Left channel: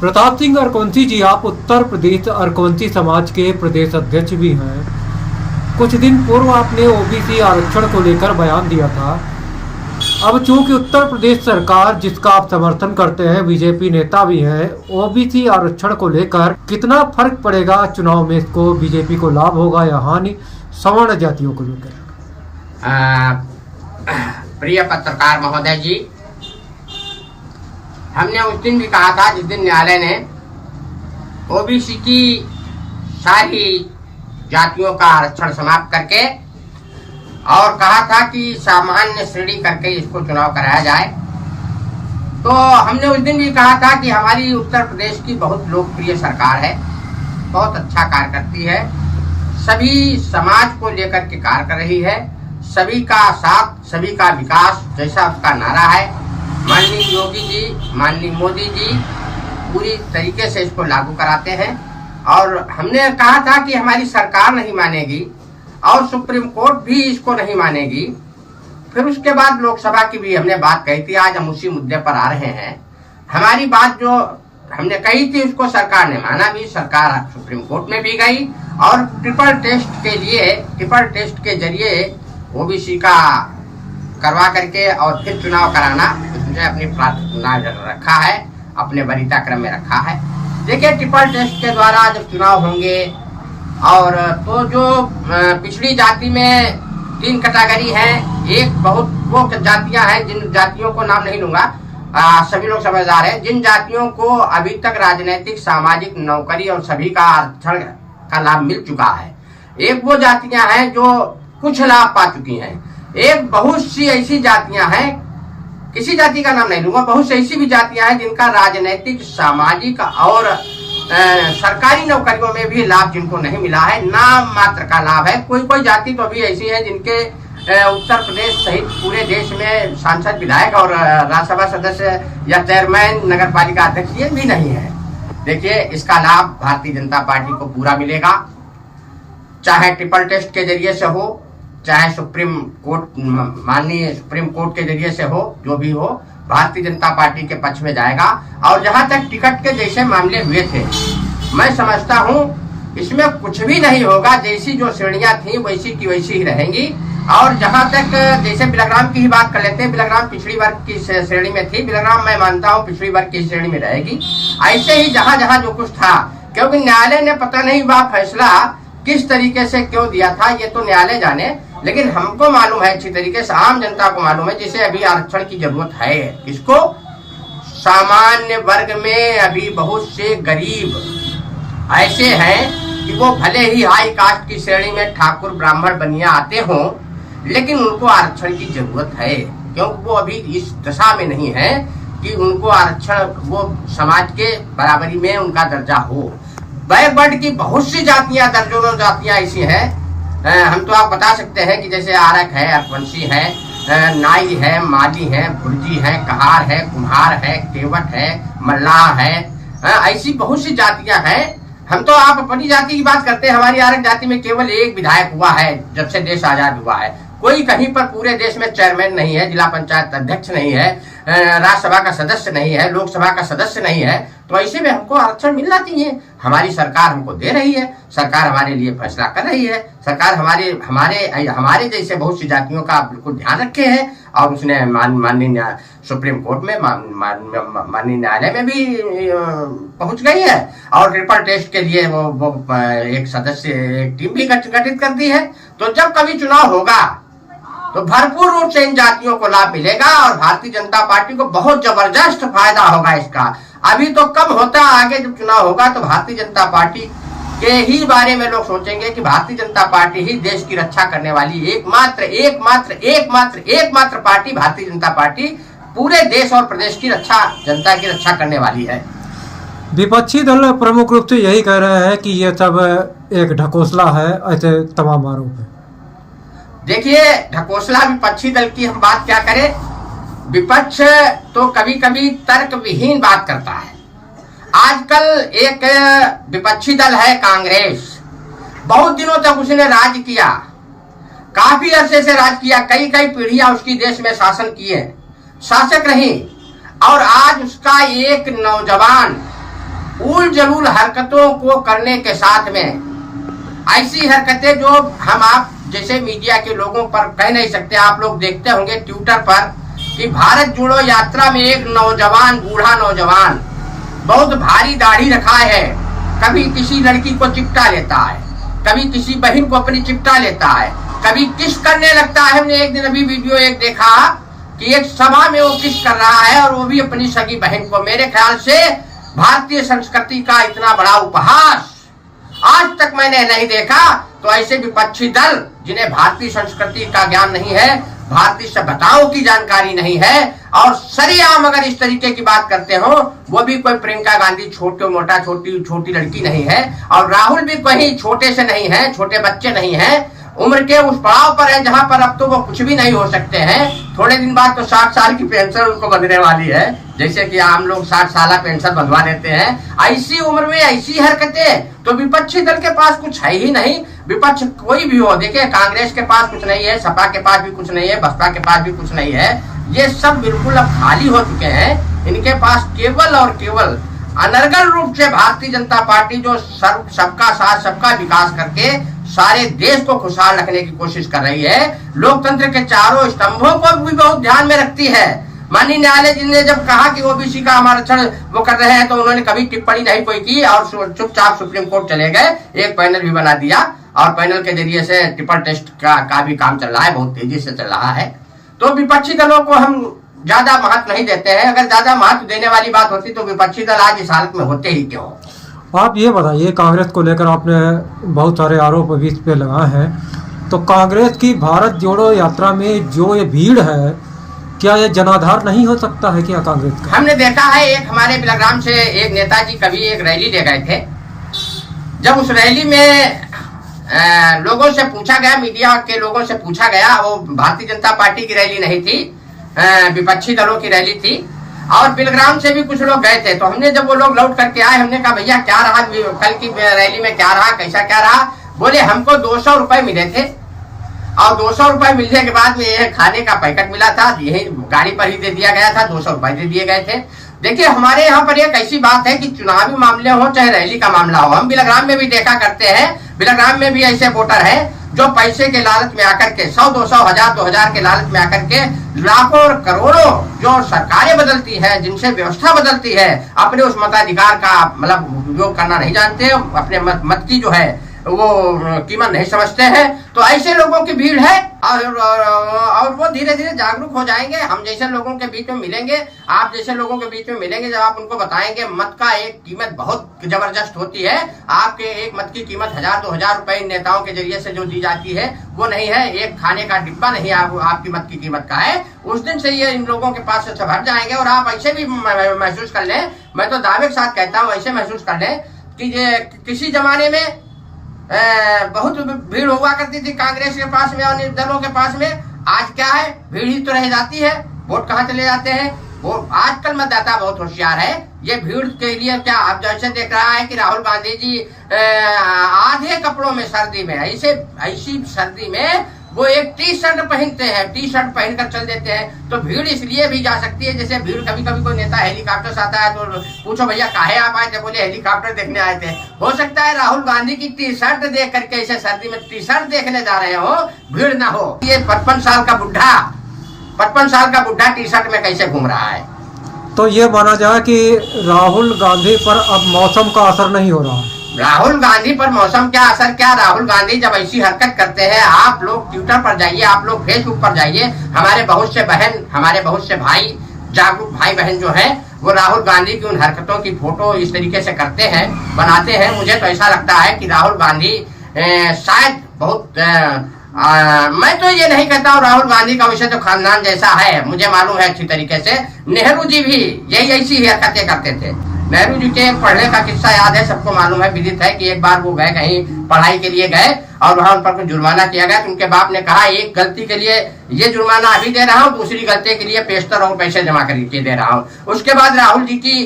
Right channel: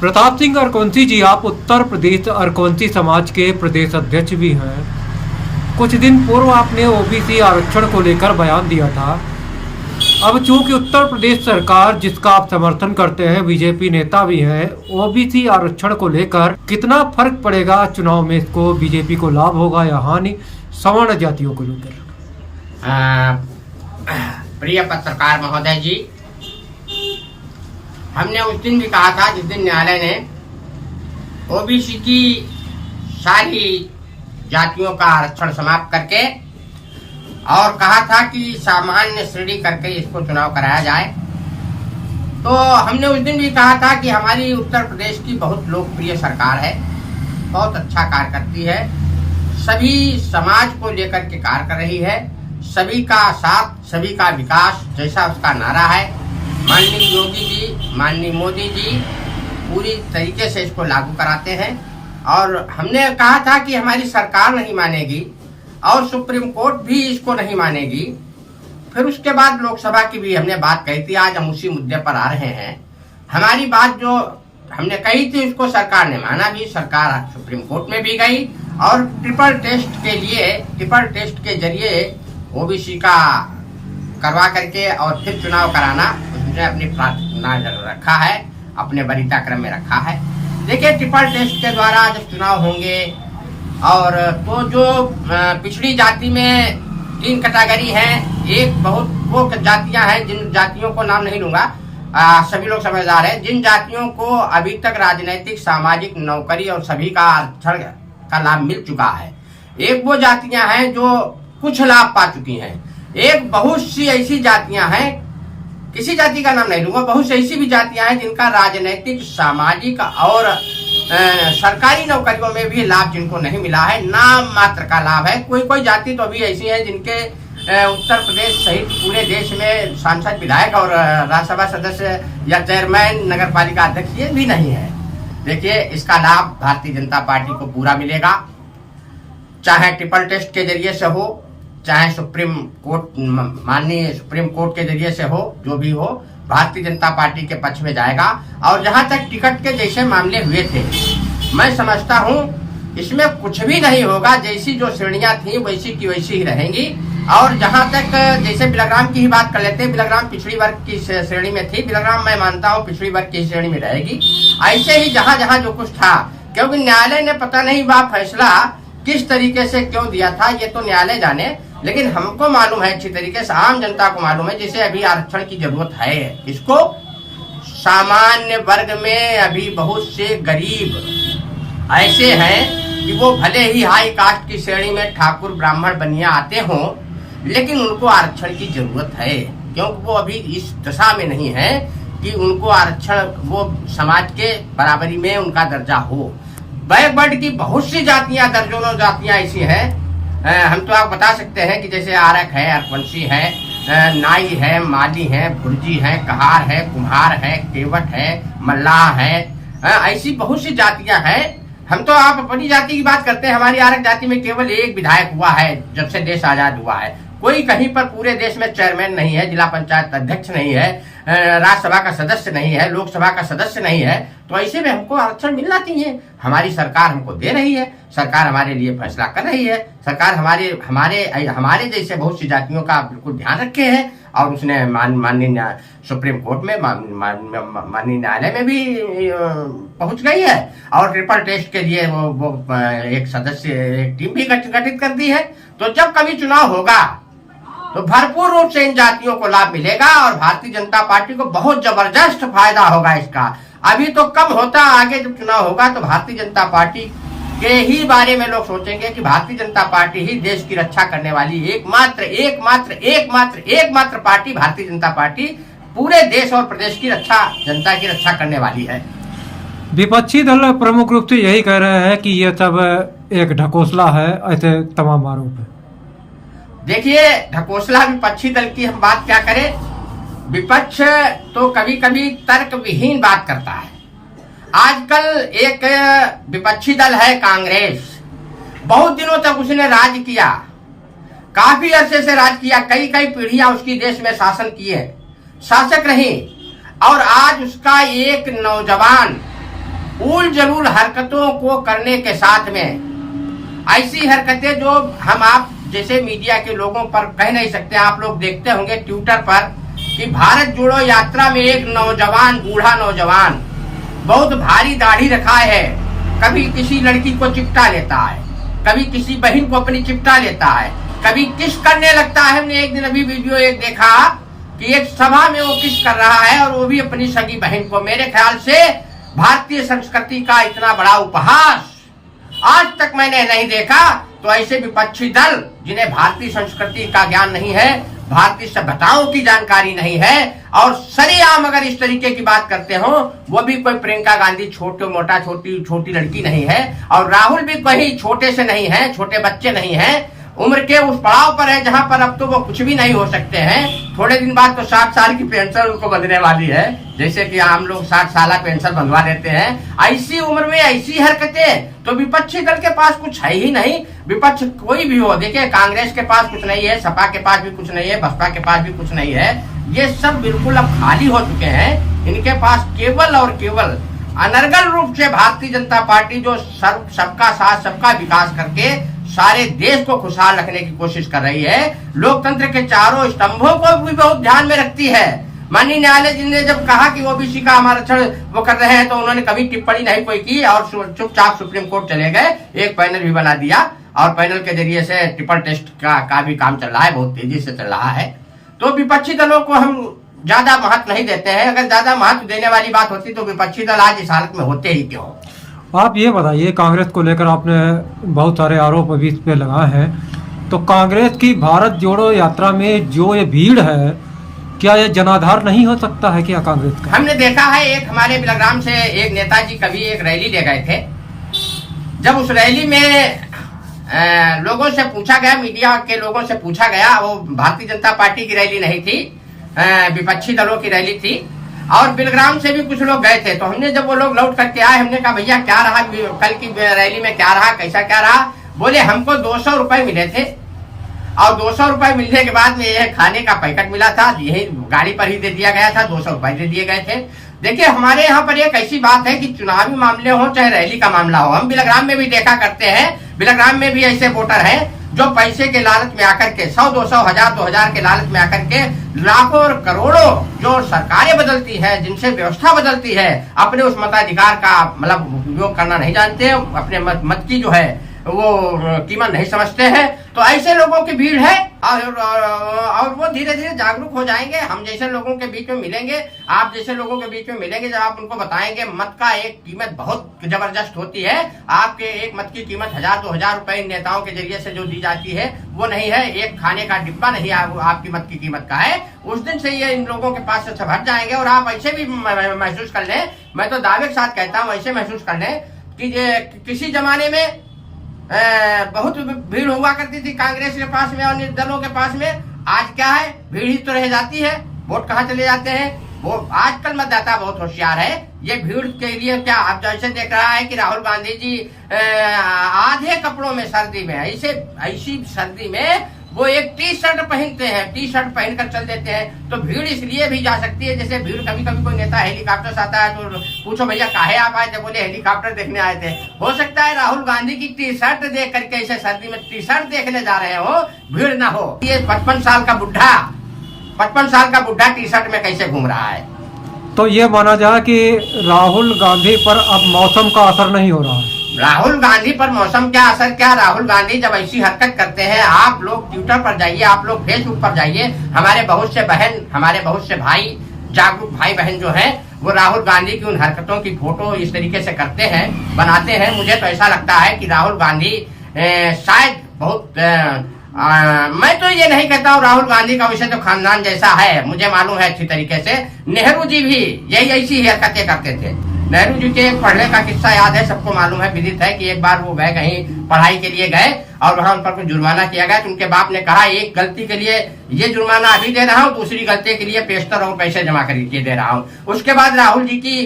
प्रताप सिंह अरकवंशी जी, आप उत्तर प्रदेश अरकवंशी समाज के प्रदेश अध्यक्ष भी हैं। कुछ दिन पूर्व आपने ओबीसी आरक्षण को लेकर बयान दिया था। अब चूंकि उत्तर प्रदेश सरकार, जिसका आप समर्थन करते हैं, बीजेपी नेता भी हैं, ओबीसी आरक्षण को लेकर कितना फर्क पड़ेगा चुनाव में? इसको बीजेपी को लाभ होगा या हानि सवर्ण जातियों को लेकर? प्रिय पत्रकार महोदय जी, हमने उस दिन भी कहा था जिस दिन न्यायालय ने ओबीसी की सारी जातियों का आरक्षण समाप्त करके और कहा था कि सामान्य श्रेणी करके इसको चुनाव कराया जाए, तो हमने उस दिन भी कहा था कि हमारी उत्तर प्रदेश की बहुत लोकप्रिय सरकार है, बहुत अच्छा कार्य करती है, सभी समाज को लेकर के कार्य कर रही है, सभी का साथ, सभी का विकास, जैसा उसका नारा है। माननीय योगी जी, माननीय मोदी जी पूरी तरीके से इसको लागू कराते हैं। और हमने कहा था कि हमारी सरकार नहीं मानेगी और सुप्रीम कोर्ट भी इसको नहीं मानेगी। फिर उसके बाद लोकसभा की भी हमने बात कही थी। आज हम उसी मुद्दे पर आ रहे हैं। हमारी बात जो हमने कही थी उसको सरकार ने माना भी। सरकार सुप्रीम कोर्ट में भी गई और ट्रिपल टेस्ट के जरिए ओबीसी का करवा करके और फिर चुनाव कराना उसने अपनी प्रार्थना रखा है, अपने वरीयता क्रम में रखा है। देखिए, ट्रिपल टेस्ट के द्वारा जब चुनाव होंगे और तो जो पिछड़ी जाति में 3 कैटेगरी है, एक बहुत वो जातियां हैं जिन जातियों को नाम नहीं लूंगा, सभी लोग समझदार हैं, जिन जातियों को अभी तक राजनीतिक, सामाजिक, नौकरी और सभी का आरक्षण का लाभ मिल चुका है। एक वो जातियां हैं जो कुछ लाभ पा चुकी हैं। एक बहुत सी ऐसी जातियां हैं, किसी जाति का नाम नहीं लूंगा, बहुत सी ऐसी भी जातियां हैं जिनका राजनीतिक, सामाजिक और सरकारी नौकरियों में भी लाभ जिनको नहीं मिला है, नाम मात्र का लाभ है। कोई जाति तो अभी ऐसी है जिनके उत्तर प्रदेश सहित पूरे देश में सांसद, विधायक और राज्यसभा सदस्य या चेयरमैन, नगर पालिका अध्यक्ष ये भी नहीं है। देखिए, इसका लाभ भारतीय जनता पार्टी को पूरा मिलेगा, चाहे ट्रिपल टेस्ट के जरिए से हो, चाहे सुप्रीम कोर्ट, माननीय सुप्रीम कोर्ट के जरिए से हो, जो भी हो, भारतीय जनता पार्टी के पक्ष में जाएगा। और जहां तक टिकट के जैसे मामले हुए थे, मैं समझता हूं इसमें कुछ भी नहीं होगा। जैसी जो श्रेणियां थी वैसी की वैसी ही रहेंगी। और जहां तक जैसे बिलग्राम की ही बात कर लेते हैं, बिलग्राम पिछड़ी वर्ग की श्रेणी में थी, बिलग्राम मैं मानता हूं पिछड़ी वर्ग की श्रेणी में रहेगी। ऐसे ही जहां जहां जो कुछ था, क्योंकि न्यायालय ने पता नहीं वह फैसला किस तरीके से क्यों दिया था, ये तो न्यायालय जाने, लेकिन हमको मालूम है अच्छी तरीके से, आम जनता को मालूम है। जिसे अभी आरक्षण की जरूरत है, इसको सामान्य वर्ग में अभी बहुत से गरीब ऐसे हैं कि वो भले ही हाई कास्ट की श्रेणी में ठाकुर, ब्राह्मण, बनिया आते हों, लेकिन उनको आरक्षण की जरूरत है, क्योंकि वो अभी इस दशा में नहीं है कि उनको आरक्षण, वो समाज के बराबरी में उनका दर्जा हो। बैकवर्ड की बहुत सी जातियां, दर्जनों जातियां ऐसी हैं। हम तो आप बता सकते हैं कि जैसे आरक है, अरकवंशी है, नाई है, माली है, भुर्जी है, कहार है, कुम्हार है, केवट है, मल्लाह है, ऐसी बहुत सी जातियां हैं। हम तो आप अपनी जाति की बात करते हैं। हमारी आरक जाति में केवल एक विधायक हुआ है जब से देश आजाद हुआ है। कोई कहीं पर पूरे देश में चेयरमैन नहीं है, जिला पंचायत अध्यक्ष नहीं है, राज्यसभा का सदस्य नहीं है, लोकसभा का सदस्य नहीं है। तो ऐसे में हमको आरक्षण मिलना चाहिए। हमारी सरकार हमको दे रही है, सरकार हमारे लिए फैसला कर रही है, सरकार हमारे जैसे बहुत सी जातियों का बिल्कुल ध्यान रखे है। और उसने माननीय सुप्रीम कोर्ट में, माननीय न्यायालय में भी पहुंच गई है और ट्रिपल टेस्ट के लिए वो एक सदस्य, एक टीम भी गठित कर दी है। तो जब कभी चुनाव होगा तो भरपूर रूप से इन जातियों को लाभ मिलेगा और भारतीय जनता पार्टी को बहुत जबरदस्त फायदा होगा इसका। अभी तो कम होता, आगे जब चुनाव होगा तो भारतीय जनता पार्टी के ही बारे में लोग सोचेंगे कि भारतीय जनता पार्टी ही देश की रक्षा करने वाली एकमात्र पार्टी, भारतीय जनता पार्टी पूरे देश और प्रदेश की रक्षा, जनता की रक्षा करने वाली है। विपक्षी दल प्रमुख रूप से यही कह रहे हैं कि यह सब एक ढकोसला है, ऐसे तमाम आरोप है। देखिए, ढकोसला विपक्षी दल की हम बात क्या करें, विपक्ष तो कभी कभी तर्क विहीन बात करता है। आजकल एक विपक्षी दल है कांग्रेस, बहुत दिनों तक उसने राज किया, काफी अरसे से राज किया, कई पीढ़ियां उसकी देश में शासन किए, शासक रही। और आज उसका एक नौजवान उल जलूल हरकतों को करने के साथ में ऐसी हरकतें जो हम आप जैसे मीडिया के लोगों पर कह नहीं सकते। आप लोग देखते होंगे ट्विटर पर कि भारत जोड़ो यात्रा में एक नौजवान, बूढ़ा नौजवान बहुत भारी दाढ़ी रखा है, कभी किसी लड़की को चिपटा लेता है, कभी किसी बहन को अपनी चिपटा लेता है, कभी किस करने लगता है। हमने एक दिन अभी वीडियो एक देखा कि एक सभा में वो किस कर रहा है और वो भी अपनी सगी बहन को। मेरे ख्याल से भारतीय संस्कृति का इतना बड़ा उपहास आज तक मैंने नहीं देखा। तो ऐसे विपक्षी दल जिन्हें भारतीय संस्कृति का ज्ञान नहीं है, भारतीय सभ्यताओं की जानकारी नहीं है और सरेआम अगर इस तरीके की बात करते हो, वो भी कोई प्रियंका गांधी छोटी लड़की नहीं है और राहुल भी कहीं छोटे से नहीं है, छोटे बच्चे नहीं है, उम्र के उस पड़ाव पर है जहां पर अब तो वो कुछ भी नहीं हो सकते हैं। थोड़े दिन बाद तो 60 साल की पेंशन उनको बंधने वाली है, जैसे कि आम लोग 60 साल पेंशन बंधवा देते हैं। ऐसी उम्र में ऐसी हरकतें, तो विपक्षी दल के पास कुछ है ही नहीं। विपक्ष कोई भी हो, देखिए कांग्रेस के पास कुछ नहीं है, सपा के पास भी कुछ नहीं है, बसपा के पास भी कुछ नहीं है। ये सब बिल्कुल अब खाली हो चुके हैं। इनके पास केवल और केवल अनर्गल रूप से भारतीय जनता पार्टी जो सबका साथ सबका विकास करके सारे देश को खुशहाल रखने की कोशिश कर रही है, लोकतंत्र के चारों स्तंभों को भी बहुत ध्यान में रखती है। माननीय न्यायालय जी ने जब कहा कि ओबीसी का आरक्षण वो कर रहे हैं तो उन्होंने कभी टिप्पणी नहीं कोई की और चुपचाप सुप्रीम कोर्ट चले गए, एक पैनल भी बना दिया और पैनल के जरिए से ट्रिपल टेस्ट का भी काम चल रहा है, बहुत तेजी से चल रहा है। तो विपक्षी दलों को हम ज्यादा महत्व नहीं देते हैं। अगर ज्यादा महत्व देने वाली बात होती तो विपक्षी दल आज इस हालत में होते ही क्यों। आप ये बताइए, कांग्रेस को लेकर आपने बहुत सारे आरोप अभी इस पे लगाए हैं, तो कांग्रेस की भारत जोड़ो यात्रा में जो ये भीड़ है, क्या ये जनाधार नहीं हो सकता है क्या कांग्रेस का? हमने देखा है, एक हमारे बिलग्राम से एक नेताजी कभी एक रैली ले गए थे। जब उस रैली में लोगों से पूछा गया, मीडिया के लोगों से पूछा गया, वो भारतीय जनता पार्टी की रैली नहीं थी, विपक्षी दलों की रैली थी और बिलग्राम से भी कुछ लोग गए थे। तो हमने जब वो लोग लौट करके आए, हमने कहा भैया क्या रहा कल की रैली में, क्या रहा, कैसा क्या रहा? बोले हमको 200 रुपए मिले थे और 200 रुपए मिलने के बाद में ये खाने का पैकेट मिला था, यही गाड़ी पर ही दे दिया गया था, 200 रुपए दे दिए गए थे। देखिए हमारे यहाँ पर एक ऐसी बात है कि चुनावी मामले हो चाहे रैली का मामला हो, हम बिलग्राम में भी देखा करते हैं, बिलग्राम में भी ऐसे वोटर हैं जो पैसे के लालच में आकर के 100, 200, 1000, 2000 के लालच में आकर के लाखों और करोड़ों जो सरकारें बदलती है, जिनसे व्यवस्था बदलती है, अपने उस मताधिकार का मतलब उपयोग करना नहीं जानते, अपने मत की जो है वो कीमत नहीं समझते हैं। तो ऐसे लोगों की भीड़ है और वो धीरे धीरे जागरूक हो जाएंगे। हम जैसे लोगों के बीच में मिलेंगे, आप जैसे लोगों के बीच में मिलेंगे, जब आप उनको बताएंगे मत का एक कीमत बहुत जबरदस्त होती है, आपके एक मत की कीमत 1000, 2000 रुपए महसूस के जरिए से जो दी जाती है वो नहीं है, एक खाने का डिब्बा नहीं आपकी मत की कीमत का है। उस दिन से ये इन लोगों के पास से हट जाएंगे और आप ऐसे भी महसूस कर लें, मैं तो दावे के साथ कहता हूँ, ऐसे महसूस कर लें कि किसी जमाने में बहुत भीड़ हुआ करती थी कांग्रेस के पास में और दलों के पास में, आज क्या है, भीड़ ही तो रह जाती है, वोट कहाँ चले जाते हैं। वो आजकल मतदाता बहुत होशियार है, ये भीड़ के लिए क्या अब जैसे देख रहा है कि राहुल गांधी जी आधे कपड़ों में सर्दी में, ऐसी सर्दी में वो एक टी शर्ट पहनते हैं, टी शर्ट पहनकर चल देते हैं। तो भीड़ इसलिए भी जा सकती है, जैसे भीड़ कभी कभी कोई नेता हेलीकॉप्टर से आता है तो पूछो भैया काहे आप आए थे, बोले हेलीकॉप्टर देखने आए थे। हो सकता है राहुल गांधी की टी शर्ट देख करके ऐसे सर्दी में टी शर्ट देखने जा रहे हो, भीड़ ना हो। ये 55 साल का बुढ़ा टी शर्ट में कैसे घूम रहा है? तो ये माना जाए कि राहुल गांधी पर अब मौसम का असर नहीं हो रहा। राहुल गांधी पर मौसम क्या असर क्या, राहुल गांधी जब ऐसी हरकत करते हैं, आप लोग ट्विटर पर जाइए, आप लोग फेसबुक पर जाइए, हमारे बहुत से बहन, हमारे बहुत से भाई, जागरूक भाई बहन जो हैं, वो राहुल गांधी की उन हरकतों की फोटो इस तरीके से करते हैं, बनाते हैं। मुझे तो ऐसा लगता है कि राहुल गांधी शायद बहुत मैं तो ये नहीं कहता हूँ राहुल गांधी का विषय तो खानदान जैसा है, मुझे मालूम है अच्छी तरीके से। नेहरू जी भी यही ऐसी हरकतें करते थे। नेहरू जी के पढ़ने का किस्सा याद है, सबको मालूम है, विदित है कि एक बार वो गए कहीं पढ़ाई के लिए गए और वहां उन पर कुछ जुर्माना किया गया, तो उनके बाप ने कहा एक गलती के लिए ये जुर्माना अभी दे रहा हूँ, दूसरी गलती के लिए पेशतर और पैसे जमा करके दे रहा हूँ। उसके बाद राहुल जी की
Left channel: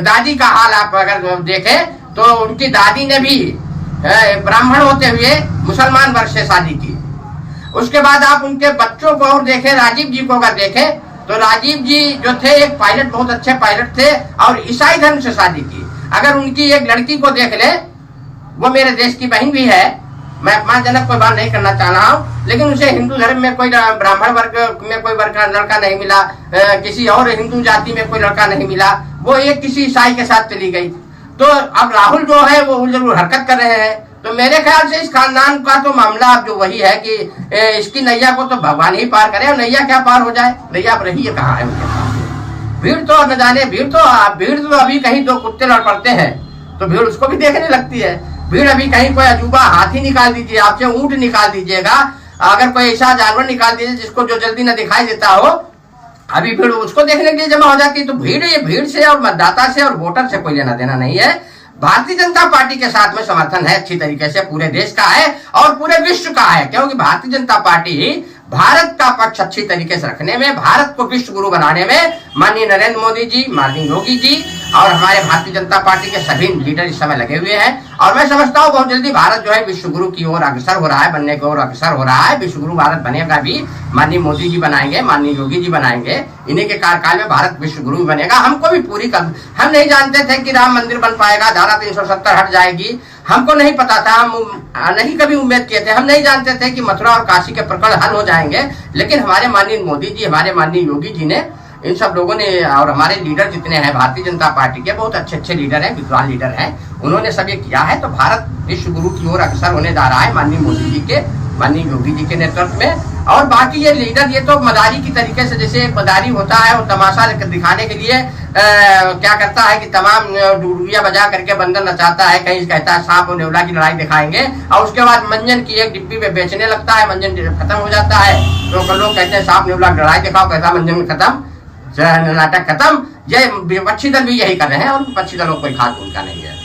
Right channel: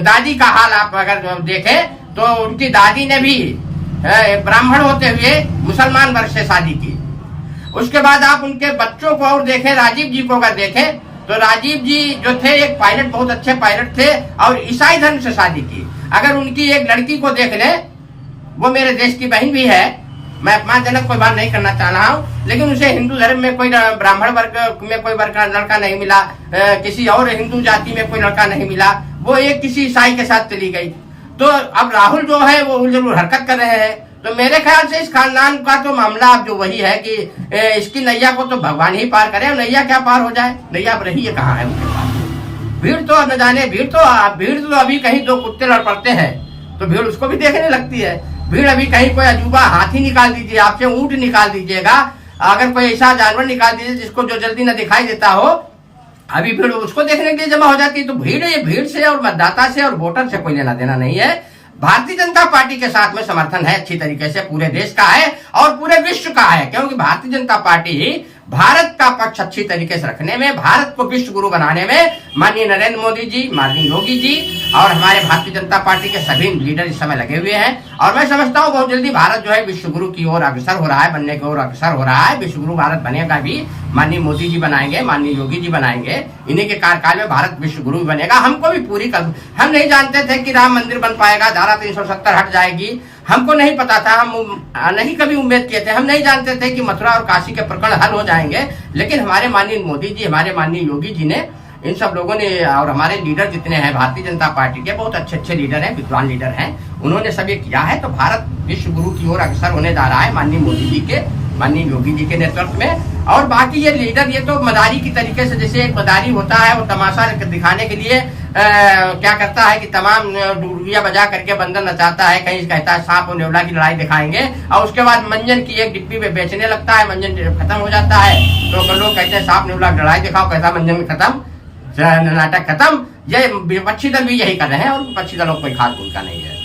दादी का हाल आप अगर देखें तो उनकी दादी ने भी ब्राह्मण होते हुए मुसलमान वर्ग से शादी की। उसके बाद आप उनके बच्चों को और देखें, राजीव जी को अगर देखें तो राजीव जी जो थे एक पायलट, बहुत अच्छे पायलट थे और ईसाई धर्म से शादी की। अगर उनकी एक लड़की को देख ले, वो मेरे देश की बहन भी है, मैं अपमानजनक कोई बात नहीं करना चाह रहा हूँ, लेकिन उसे हिंदू धर्म में कोई ब्राह्मण वर्ग में कोई लड़का नहीं मिला, किसी और हिंदू जाति में कोई लड़का नहीं मिला, वो एक किसी ईसाई के साथ चली गई। तो अब राहुल जो है वो जरूर हरकत कर रहे हैं। तो मेरे ख्याल से इस खानदान का तो मामला अब जो वही है कि इसकी नैया को तो भगवान ही पार करे, नैया क्या पार हो जाए, नैया अब रही है कहाँ है उनके पास। भीड़ तो न जाने, भीड़ तो अभी कहीं दो कुत्ते लड़ पड़ते हैं तो भीड़ उसको भी देखने लगती है। भीड़ अभी कहीं कोई अजूबा हाथी निकाल दीजिए, आपसे ऊंट निकाल दीजिएगा, अगर कोई ऐसा जानवर निकाल दीजिए जिसको जो जल्दी न दिखाई देता हो, अभी भीड़ उसको देखने के लिए जमा हो जाती है। तो भीड़, ये भीड़ से और मतदाता से और वोटर से कोई लेना देना नहीं है। भारतीय जनता पार्टी के साथ में समर्थन है अच्छी तरीके से, पूरे देश का है और पूरे विश्व का है, क्योंकि भारतीय जनता पार्टी ही भारत का पक्ष अच्छी तरीके से रखने में, भारत को विश्व गुरु बनाने में माननीय नरेंद्र मोदी जी, माननीय योगी जी और हमारे भारतीय जनता पार्टी के सभी लीडर इस समय लगे हुए हैं। और मैं समझता हूँ बहुत जल्दी भारत जो है विश्व गुरु की ओर अग्रसर हो रहा है, बनने की ओर अग्रसर हो रहा है। विश्व गुरु भारत बनेगा भी, माननीय मोदी जी बनाएंगे, माननीय योगी जी बनाएंगे, इन्हीं के कार्यकाल में भारत विश्व गुरु बनेगा। हमको भी पूरी हम नहीं जानते थे कि राम मंदिर बन पाएगा, धारा 370 हट जाएगी, हमको नहीं पता था, हम नहीं कभी उम्मीद किए थे, हम नहीं जानते थे कि मथुरा और काशी के प्रकरण हल हो जाएंगे। लेकिन हमारे माननीय मोदी जी, हमारे माननीय योगी जी ने, इन सब लोगों ने और हमारे लीडर जितने हैं भारतीय जनता पार्टी के, बहुत अच्छे अच्छे लीडर हैं, विद्वान लीडर हैं, उन्होंने सब ये किया है। तो भारत विश्व गुरु की ओर अग्रसर होने जा रहा है माननीय मोदी जी के, माननीय योगी जी के नेतृत्व में। और बाकी ये लीडर, ये तो मदारी की तरीके से, जैसे एक मदारी होता है वो तमाशा दिखाने के लिए क्या करता है कि तमाम डुडुरिया बजा करके बंदर नचाता है, कहीं कहता है सांप और नेवला की लड़ाई दिखाएंगे और उसके बाद मंजन की एक डिब्बी में बेचने लगता है, मंजन खत्म हो जाता है तो लोग कहते हैं सांप नेवला की लड़ाई दिखाओ, कैसा मंजन खत्म, नाटक खत्म। ये विपक्षी दल भी यही कर रहे हैं और विपक्षी दलों को कोई खास भूमिका नहीं है।